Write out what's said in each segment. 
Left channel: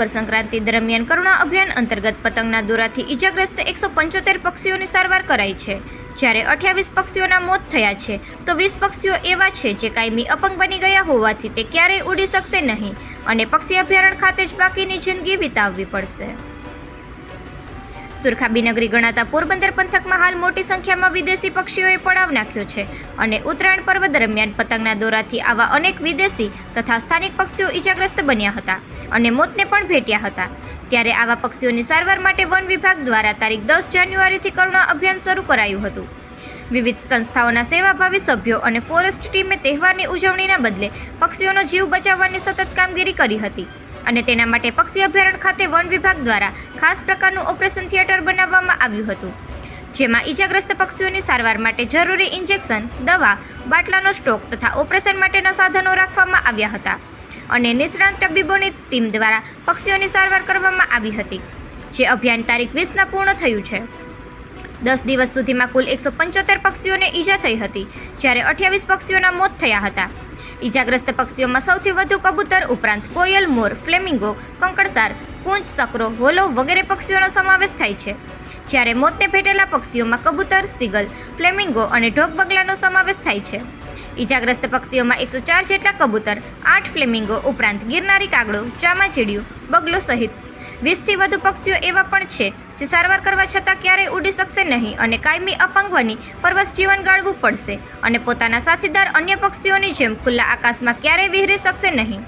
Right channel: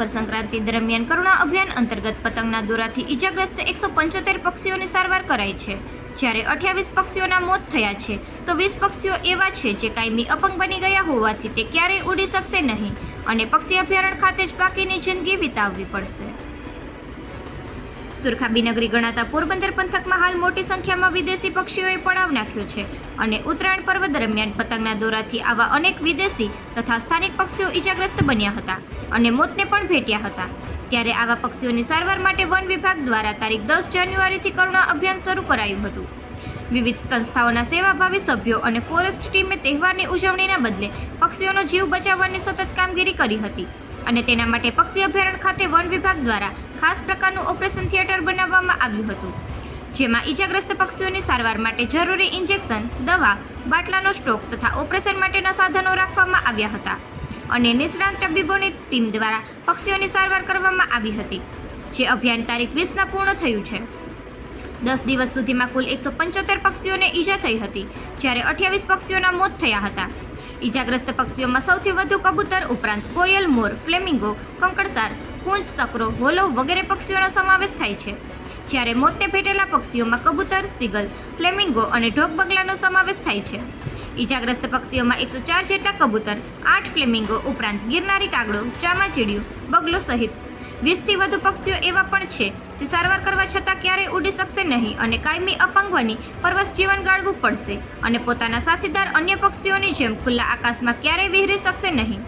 મકર સંક્રાંતિ દરમિયાન કરુણા અભિયાન અંતર્ગત પતંગના દોરાથી ઈજાગ્રસ્ત 175 પક્ષીઓની સારવાર કરાઈ છે, જ્યારે 28 પક્ષીઓના મોત થયા છે, તો 20 પક્ષીઓ એવા છે જે કાયમી અપંગ બની ગયા હોવાથી તે ક્યારેય ઉડી શકશે નહીં અને પક્ષી અભયારણ્ય ખાતે જ બાકીની જિંદગી વિતાવવી પડશે. સુરખાબી નગરી ગણાતા પોરબંદર પંથકમાં હાલ મોટી સંખ્યામાં વિદેશી પક્ષીઓએ પડાવ નાખ્યો છે અને ઉત્તરાયણ પર્વ દરમિયાન પતંગના દોરાથી આવા અનેક વિદેશી તથા સ્થાનિક પક્ષીઓ ઈજાગ્રસ્ત બન્યા હતા અને મોતને પણ ભેટ્યા હતા. ત્યારે આવા પક્ષીઓની સારવાર માટે વન વિભાગ દ્વારા તારીખ 10 જાન્યુઆરીથી કરુણા અભિયાન શરૂ કરાયું હતું. વિવિધ સંસ્થાઓના સેવાભાવી સભ્યો અને ફોરેસ્ટ ટીમે તહેવારની ઉજવણીના બદલે પક્ષીઓનો જીવ બચાવવાની સતત કામગીરી કરી હતી અને તેના માટે પક્ષી અભયારણ્ય ખાતે વન વિભાગ દ્વારા ખાસ પ્રકારનું ઓપરેશન થિયેટર બનાવવામાં આવ્યું હતું, જેમાં ઈજાગ્રસ્ત પક્ષીઓની સારવાર માટે જરૂરી ઇન્જેક્શન, દવા, બાટલાનો સ્ટોક તથા ઓપરેશન માટેના સાધનો રાખવામાં આવ્યા હતા અને નિષ્ણાત તબીબોની ટીમ દ્વારા પક્ષીઓની સારવાર કરવામાં આવી હતી. જે અભિયાન તારીખ 20ના પૂર્ણ થયું છે. 10 દિવસ સુધીમાં કુલ 175 પક્ષીઓને ઈજા થઈ હતી, જ્યારે 28 પક્ષીઓના મોત થયા હતા. ઈજાગ્રસ્ત પક્ષીઓમાં સૌથી વધુ કબૂતર ઉપરાંત કોયલ, મોર, ફ્લેમિંગો, કંકણસાર, કુંજ, સકરો, હોલો વગેરે પક્ષીઓનો સમાવેશ થાય છે, જ્યારે મોતને ભેટેલા પક્ષીઓમાં કબૂતર, સીગલ, ફ્લેમિંગો અને ઢોક બગલાનો સમાવેશ થાય છે. ઈજાગ્રસ્ત પક્ષીઓમાં 104 જેટલા કબૂતર, 8 ફ્લેમિંગો ઉપરાંત ગિરનારી કાગડો, ચામાચીડિયું, બગલો સહિત 20થી વધુ પક્ષીઓ એવા પણ છે જે સારવાર કરવા છતાં ક્યારેય ઉડી શકશે નહીં અને કાયમી અપંગ બની પરવશ જીવન ગાળવું પડશે અને પોતાના સાથીદાર અન્ય પક્ષીઓની જેમ ખુલ્લા આકાશમાં ક્યારેય વિહરી શકશે નહીં.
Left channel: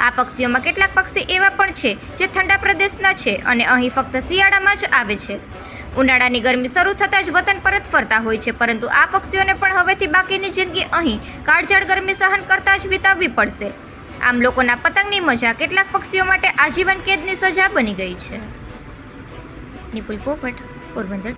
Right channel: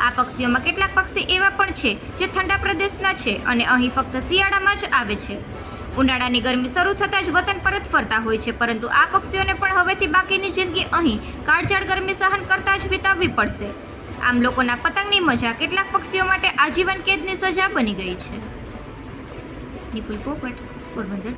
આ પક્ષીઓમાં કેટલાક પક્ષી એવા પણ છે જે ઠંડા પ્રદેશના છે અને અહીં ફક્ત શિયાળામાં જ આવે છે. ઉનાળાની ગરમી શરૂ થતાં જ વતન પરત ફરતા હોય છે, પરંતુ આ પક્ષીઓને પણ હવેથી બાકીની જિંદગી અહીં કાળઝાળ ગરમી સહન કરતા જ વિતાવવી પડશે. આમ લોકોના પતંગની મજા કેટલાક પક્ષીઓ માટે આજીવન કેદની સજા બની ગઈ છે. નિપુલ પોપટ, પોરબંદર.